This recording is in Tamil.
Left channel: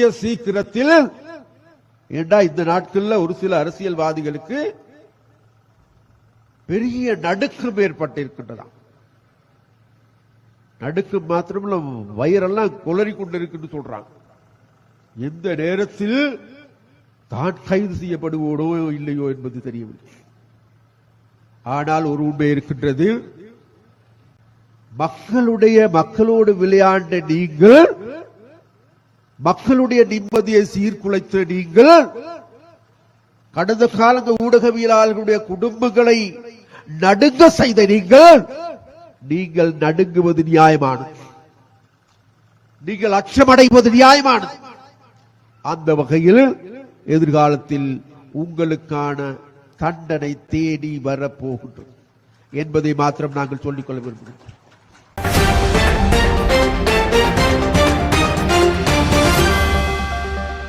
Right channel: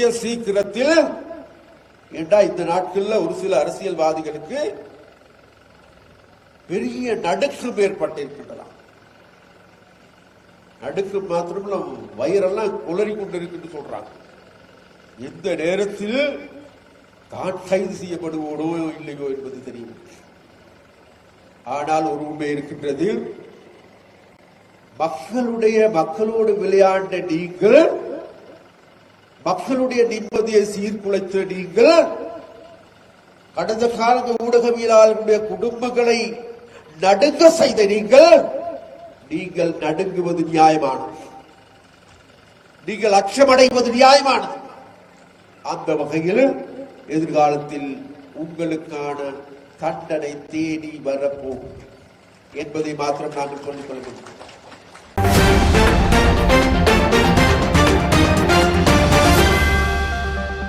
கூடிய சீக்கிரத்தில் ஏண்டா இந்த நாட்களில் ஒரு சில அரசியல்வாதிகளுக்கு பெரிய நடுக்கம் ஏற்பட்டிருக்கின்றன. நடுக்கம் மாத்திரமல்ல, வயிறெல்லாம் குளறி கொண்டிருக்குன்னு சொல்றாங்க. எந்த நேரத்தில் தான் கைது செய்யப்படுவோடோ இல்லையோ என்பது தெரியவில்லை. ஆனால் ஒரு உண்மை இருக்கின்றது, மக்களோடு விளையாண்ட நீங்கள், மக்களுடைய நிம்மதியை சீர்குலைத்த நீங்கள், கடந்த கால ஊடகவியலாளர்களுடைய குடும்பங்களை நடுங்க செய்த நீங்கள் நடுங்குவது நியாயமானது, நீங்கள் அச்சமடைவது நியாயமானது. அந்த வகையில் எதிர்காலத்தில் உங்களுக்கான தண்டனை தேடி வரப்போகும் என்பதை மாத்திரம் நாங்கள் சொல்லிக் கொள்ள வேண்டும்.